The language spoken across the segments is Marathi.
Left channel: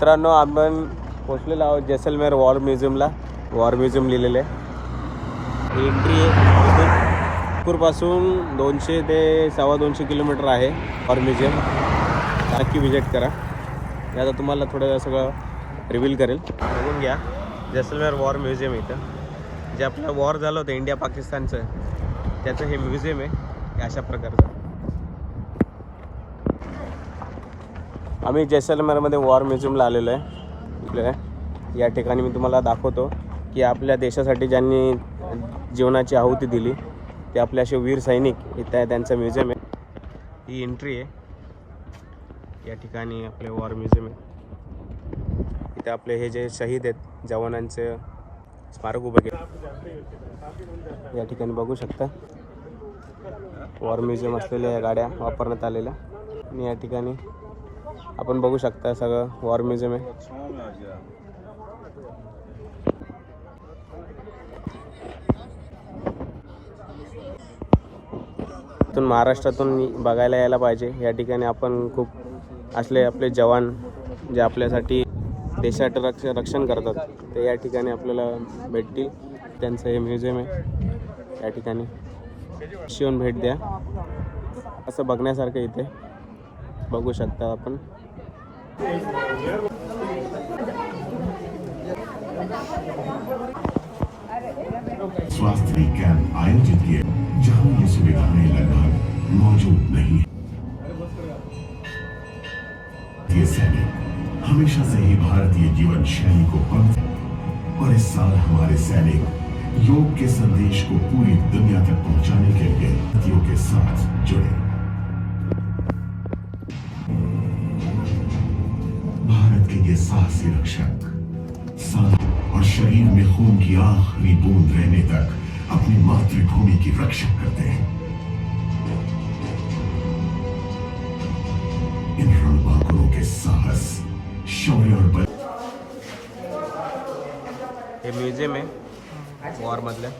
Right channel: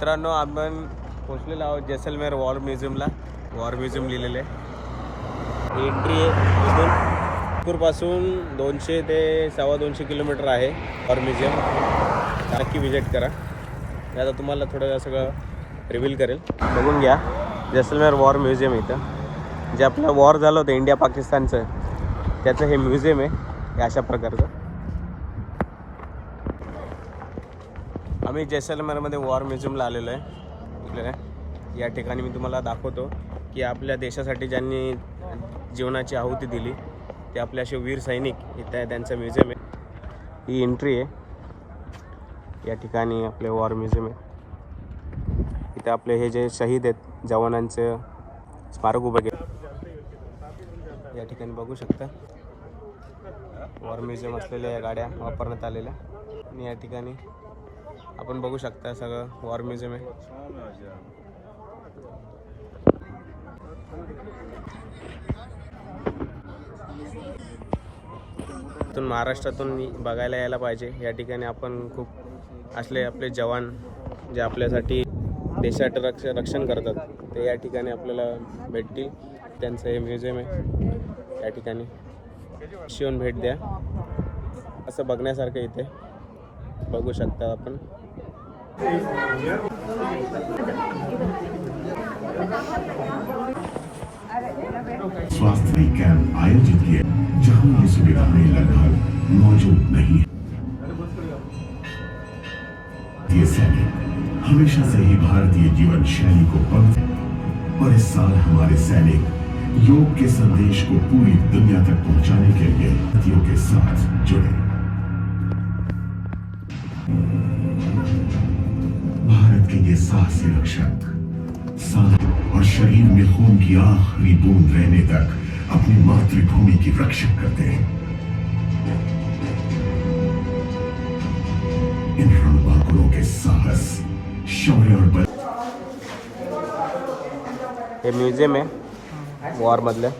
मित्रांनो, आपण पोचलेलो आहोत जैसलमेर वॉर म्युझियमला. वॉर म्युझियम लिहिलेलं आहे. एंट्री इथून नागपूरपासून 200 ते 250 किलोमीटर आहे वॉर म्युझियम. नक्की विजिट करा. मी आता तुम्हाला थोडं सगळं रिव्हील करेल, बघून घ्या. जैसलमेर वॉर म्युझियम इथं जे आपलं वॉर झालं होतं इंडिया पाकिस्तानचं, त्याचं हे म्युझियम आहे. हे अशा प्रकारचं. आम्ही जैसलमेरमध्ये वॉर म्युझियमला आलेलो आहे. या ठिकाणी मी तुम्हाला दाखवतो की आपल्या देशासाठी ज्यांनी जीवनाची आहुती दिली ते आपले असे वीर सैनिक इथं आहे, त्यांचं म्युझियम आहे. ही एंट्री आहे. या ठिकाणी आपले वॉर म्युझियम आहे. इथं आपले हे जे शहीद आहेत जवानांचं स्मारक उभं केलं. या ठिकाणी बघू शकता वॉर म्युझियम असलेल्या या गाड्या वापरण्यात आलेल्या. आणि या ठिकाणी आपण बघू शकता सगळं वॉर म्युझियम आहे. इथून महाराष्ट्रातून बघायला यायला पाहिजे. या ठिकाणी आपण खूप असले आपले जवान जे आपल्यासाठी देशाचं रक्षण करतात ते या ठिकाणी आपल्याला भेटतील. त्यांचं हे म्युझियम आहे. या ठिकाणी येऊन भेट द्या. असं बघण्यासारखं इथे बघू शकता आपण. स्वास्थ्य कैंप आयोजित किए जहां ये सुविधाएं लगभग मौजूद नहीं है। ये सैनिक हमेशा से ही भारतीय जीवन शैली को और इस साल हमारे सैनिक योग के संदेश को पूरी दुनिया तक पहुंचाने के लिए भारतीयों के साथ जुड़े। भारत के ये साहसी रक्षक और शरीर में खून की आखिरी बूंद रहने तक अपनी मातृभूमि की रक्षा करते हैं। इन रणबांकुरों के साहस, शौर्य और बल। हे म्युझियम आहे वॉर मधलं.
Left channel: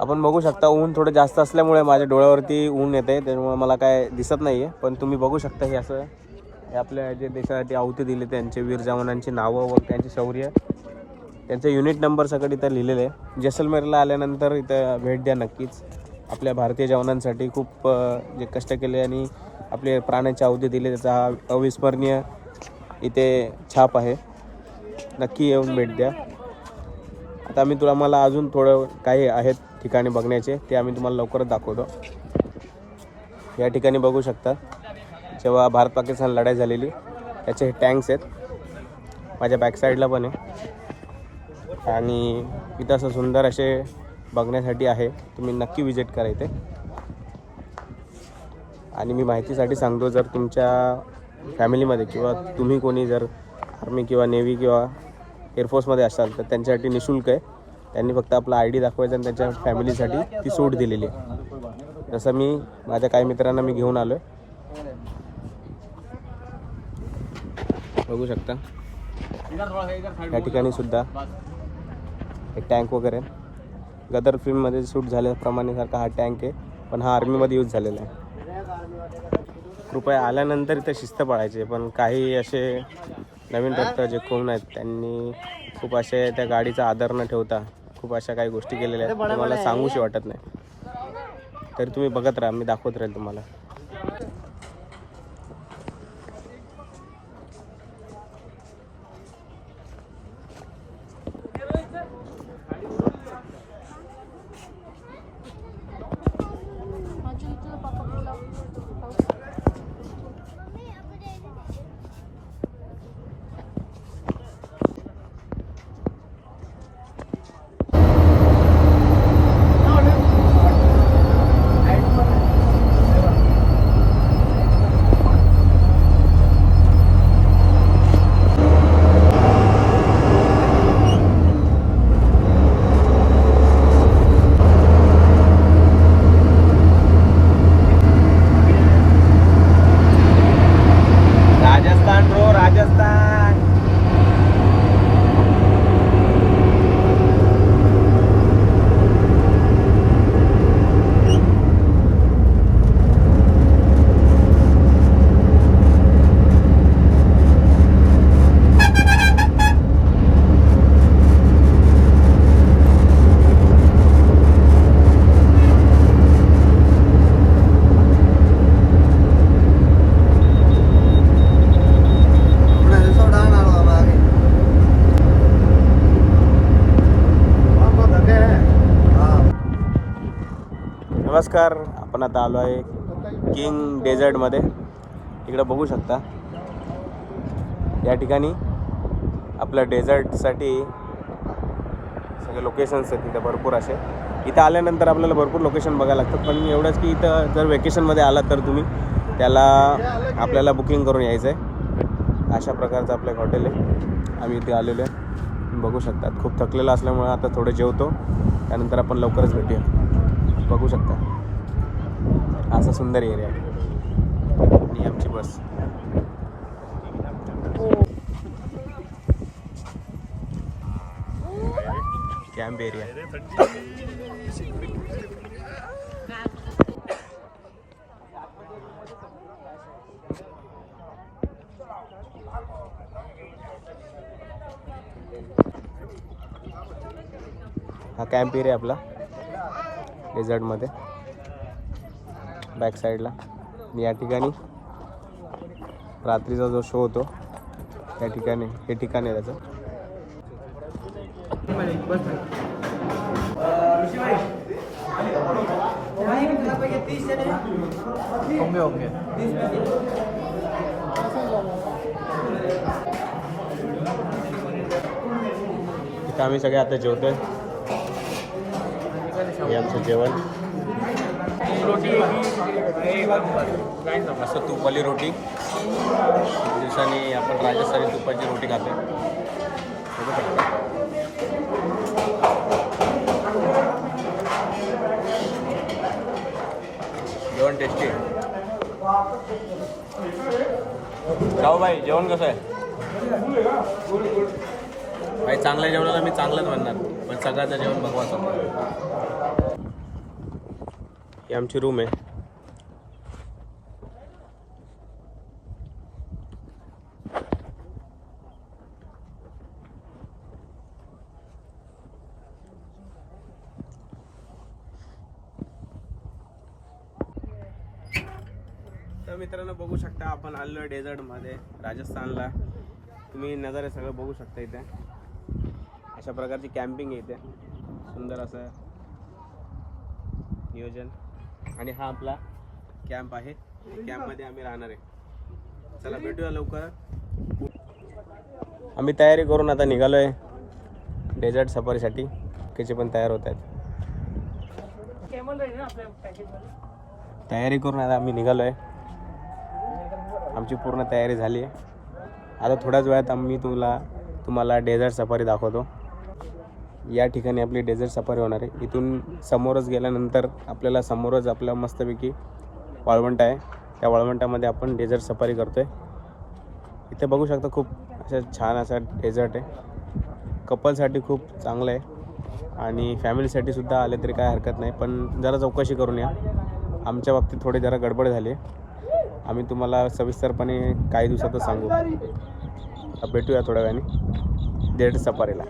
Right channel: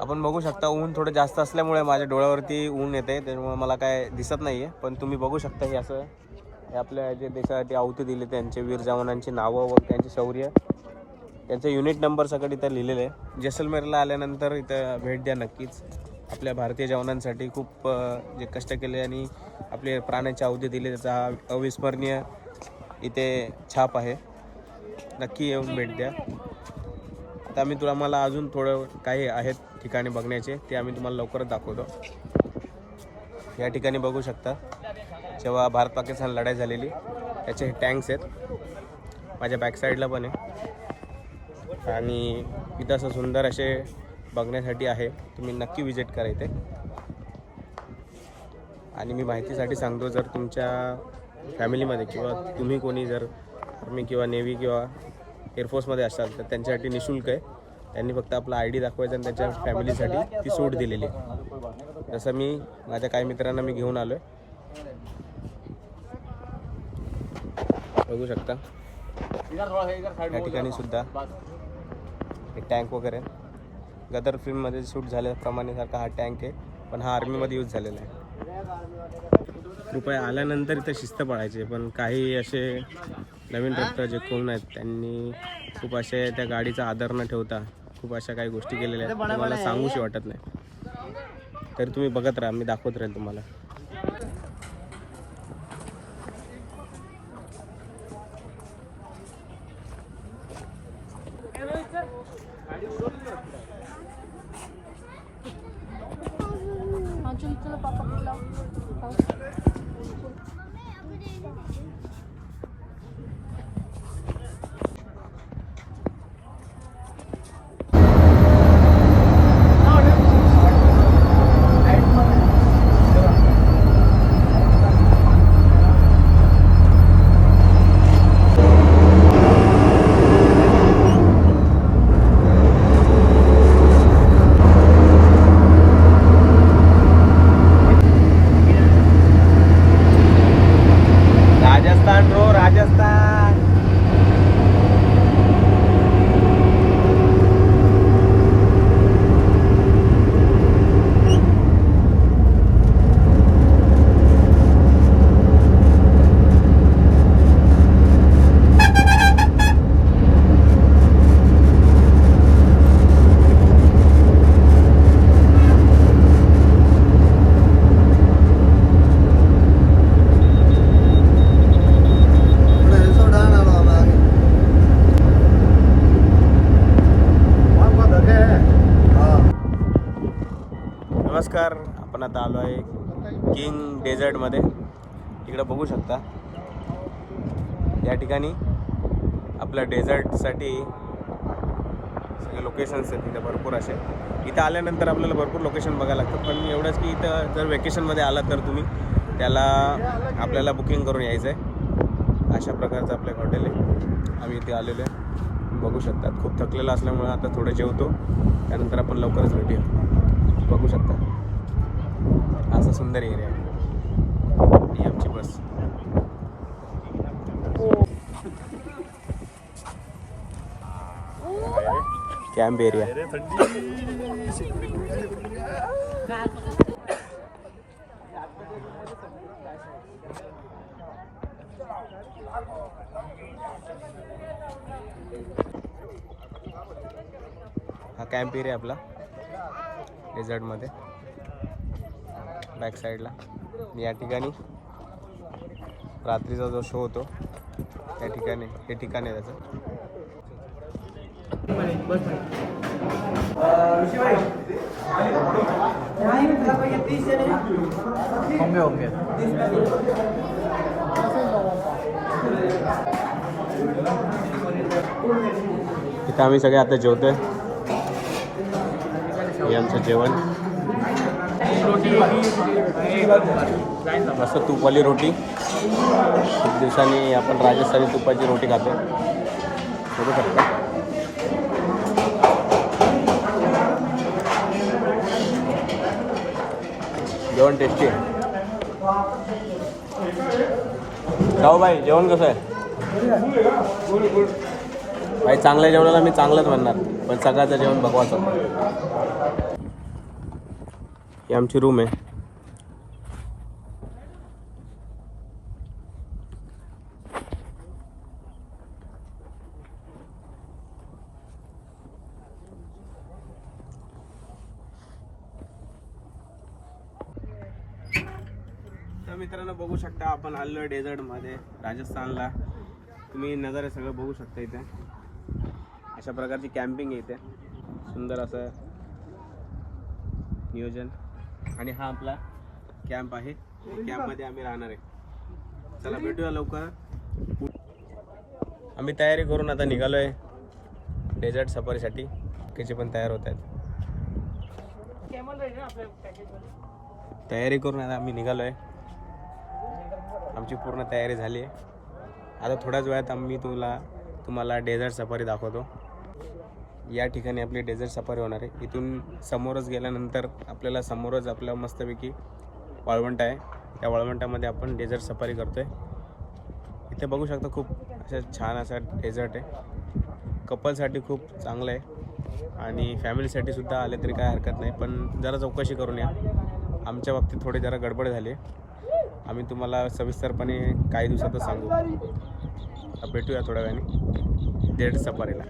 आपण बघू शकता ऊन थोडं जास्त असल्यामुळे माझ्या डोळ्यावरती ऊन येते, त्यामुळे मला काय दिसत नाही आहे. पण तुम्ही बघू शकता की असं हे आपल्या जे देशासाठी आहुती दिली त्यांचे वीर जवानांची नावं व त्यांचे शौर्य, त्यांचे युनिट नंबर सगळं इथं लिहिलेलं आहे. जैसलमेरला आल्यानंतर इथं भेट द्या नक्कीच. आपल्या भारतीय जवानांसाठी खूप जे कष्ट केले आणि आपले प्राणाची आहुती दिली त्याचा हा अविस्मरणीय इथे छाप आहे. नक्की येऊन भेट द्या. आता मला अजून थोडं काही आहेत ठिकाणी बघण्याचे, ते आम्ही तुम्हाला लवकरच दाखवतो. या ठिकाणी बघू शकता जेव्हा भारत पाकिस्तान लढाई झालेली त्याचे हे टँक्स आहेत. माझ्या बॅक साईडला पण आहे आणि इथं असं सुंदर असे बघण्यासाठी आहे. तुम्ही नक्की विजिट करा इथे. आणि मी माहितीसाठी सांगतो, जर तुमच्या फॅमिलीमध्ये किंवा तुम्ही कोणी जर आर्मी किंवा नेव्ही किंवा एअरफोर्समध्ये असाल तर त्यांच्यासाठी निःशुल्क आहे. त्यांनी फक्त आपला ID दाखवायचा आणि त्यांच्या फॅमिलीसाठी ती सूट दिलेली आहे. जसं मी माझ्या काही मित्रांना मी घेऊन आलो आहे. बघू शकता या ठिकाणी सुद्धा एक टँक वगैरे गदर फिल्ममध्ये शूट झाल्याप्रमाणे सारखा हा टँक आहे, पण हा आर्मीमध्ये यूज झालेला आहे. कृपया आल्यानंतर इथं शिस्त पाळायची. पण काही असे नवीन ट्रॅक्टर जे कोण आहेत त्यांनी खूप असे त्या गाडीचा आदर न ठेवता खूप अशा काही गोष्टी केलेल्या आहेत तुम्हाला सांगूशी वाटत नाही. तरी तुम्ही बघत राहा, मी दाखवत राहील तुम्हाला. राजस्थान ब्रो, राजस्थान. नमस्कार, आपण आता आलो आहे किंग डेझर्टमध्ये. इकडं बघू शकता या ठिकाणी आपल्या डेझर्टसाठी सगळे लोकेशन्स आहेत इथं भरपूर असे. इथं आल्यानंतर आपल्याला भरपूर लोकेशन बघायला लागतात, पण एवढंच की इथं जर वेकेशनमध्ये आलात तर तुम्ही त्याला आपल्याला बुकिंग करून यायचं आहे. अशा प्रकारचं आपलं एक हॉटेल आहे. आम्ही इथे आलेलो आहे, बघू शकतात. खूप थकलेलं असल्यामुळे आता थोडं जेवतो, त्यानंतर आपण लवकरच भेटूया. बघू शकता असा सुंदर एरिया आहे. ही आमची बस. Camp area. हा कॅम्प एरिया आपला डेझर्टमध्ये बॅक साईडला. या ठिकाणी रात्रीचा जो शो होतो त्या ठिकाणी हे ठिकाण आहे त्याचं. इथं आम्ही सगळे आता जेवतोय. हे आमचं जेवण. मस्त तुपाली रोटी. खूप दिवसांनी आपण राजस्थानी तुपाची रोटी खातो. बघू शकता. जेवण टेस्टी आहे. जाऊ भाई, जेवण कसं आहे भाई? चांगल्या जेवणाला मी चांगलंच म्हणणार, पण सकाळचं जेवण बकवास होतं. ही आमची रूम आहे. तर मित्रांनो बघू शकता आपण आलो डेझर्टमध्ये राजस्थानला. तुम्ही नजारे सगळं बघू शकता. इथे अशा प्रकारची कॅम्पिंग आहे इथे. सुंदर असं नियोजन. आणि हा आपला कॅम्प आहे. कॅम्पमध्ये आम्ही राहणार आहे. चला भेटूया लवकर. आम्ही तयारी करून आता निघालो आहे डेझर्ट सफारीसाठी. बाकीचे पण तयार होत आहेत. तयारी करून आता आम्ही निघालो आहे. आमची पूर्ण तयारी झाली आहे. आता थोड्याच वेळात आम्ही तुम्हाला डेझर्ट सफारी दाखवतो. या ठिकाणी आपली डेझर्ट सफारी होणार आहे. इथून समोरच गेल्यानंतर आपल्याला समोरच आपलं मस्तपैकी वाळवंट आहे. त्या वाळवंटामध्ये आपण डेझर्ट सफारी करतो आहे. इथे बघू शकता खूप असं छान असा डेझर्ट आहे. कपलसाठी खूप चांगलं आहे आणि फॅमिलीसाठी सुद्धा आले तरी काय हरकत नाही. पण जरा चौकशी करून या. आमच्या बाबतीत थोडी जरा गडबड झाली. आम्ही तुम्हाला सविस्तरपणे काही दिवसातच सांगू. भेटूया थोड्या वेळाने डेझर्ट सफारीला.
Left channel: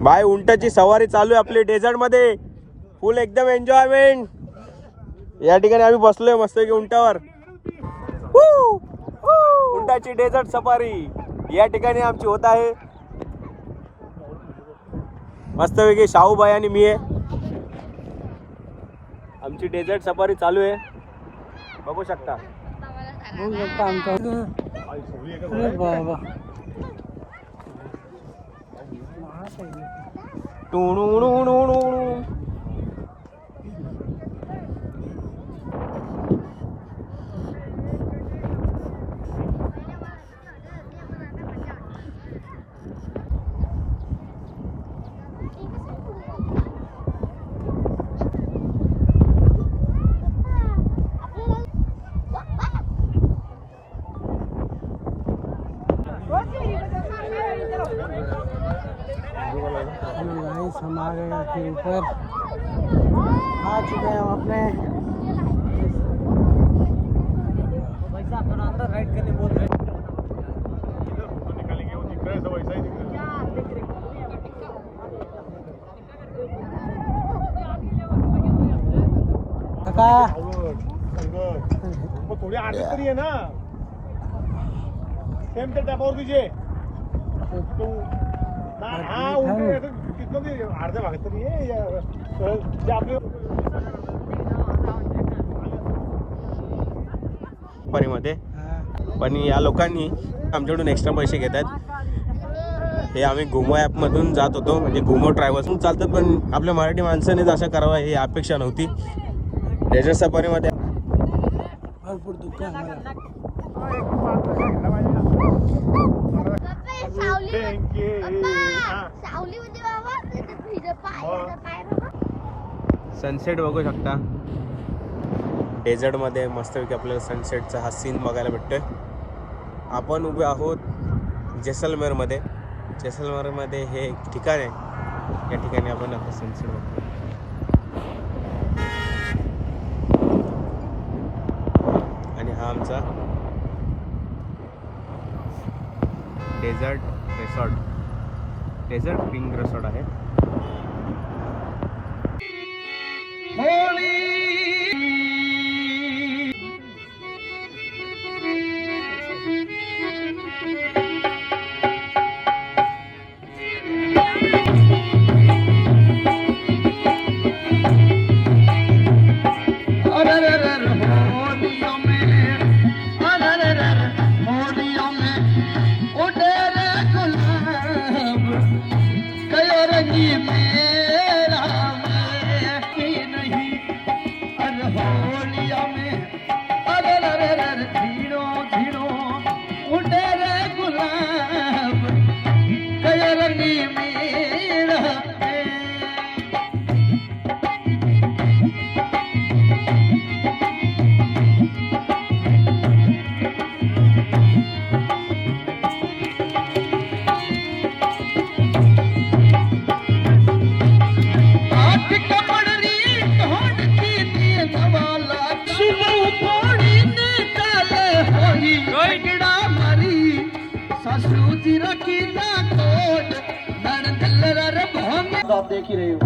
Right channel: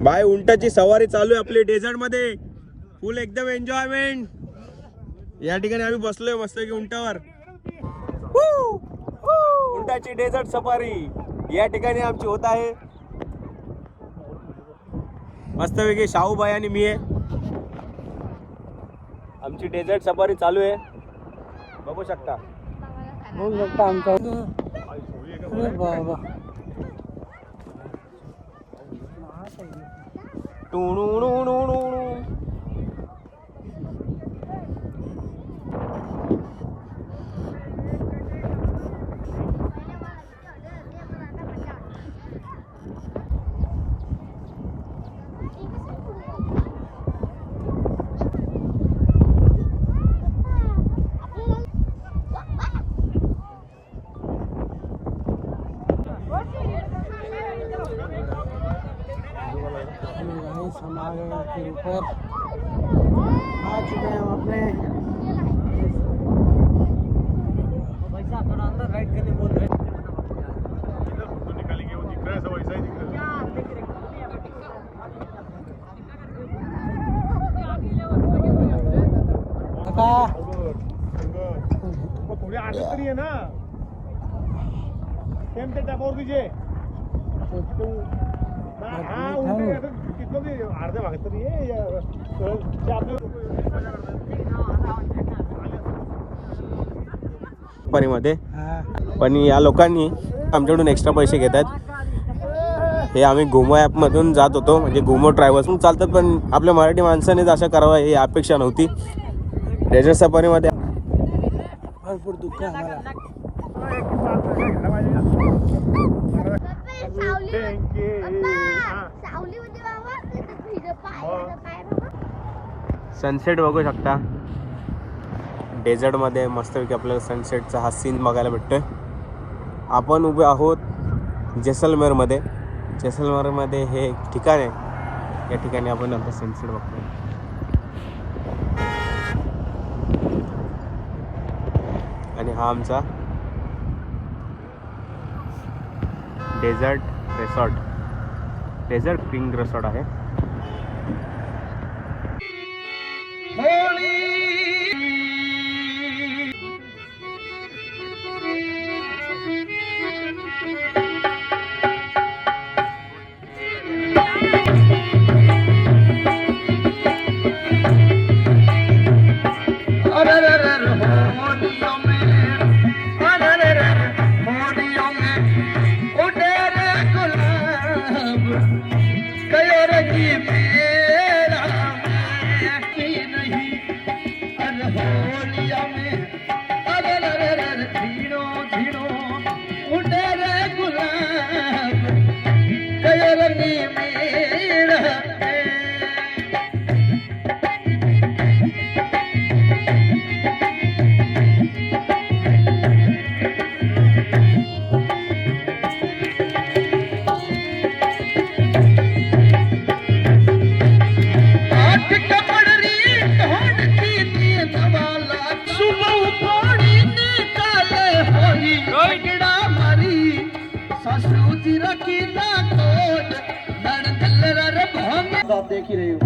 बाय. उंटाची सवारी चालू आहे आपली डेझर्ट मध्ये. फुल एकदम एन्जॉयमेंट. या ठिकाणी आम्ही बसलोय मस्त की उंटावर. उंटाची डेझर्ट सफारी या ठिकाणी आमची होत आहे. मस्तपैकी शाहूबाई आणि मी आहे. आमची डेझर्ट सफारी चालू आहे, बघू शकता. थोडी आरती तरी आहे ना. सेम ते टॅपावर तुझे अर्ध्या भागात तरी मध्ये. पण या लोकांनी आमच्याकडून एक्स्ट्रा पैसे घेतात. हे आम्ही घुमो ॲपमधून जात होतो, म्हणजे घुमो ट्रॅव्हल्स चालतात, पण आपल्या मराठी माणसानेच असं करावं ही अपेक्षा नव्हती. डेझर्ट सफारीमध्ये भरपूर दुःख आहे आम्हाला. सनसेट बघू शकता डेझर्टमध्ये. मस्तपैकी आपल्याला सनसेटचा हा सीन बघायला भेटतोय. आपण उभे आहोत जैसलमेरमध्ये. जैसलमेरमध्ये हे एक ठिकाण आहे, या ठिकाणी आपण आता सनसेट बघतो. आणि हा आमचा desert resort, desert king resort आहे. आप देख ही रहे हो.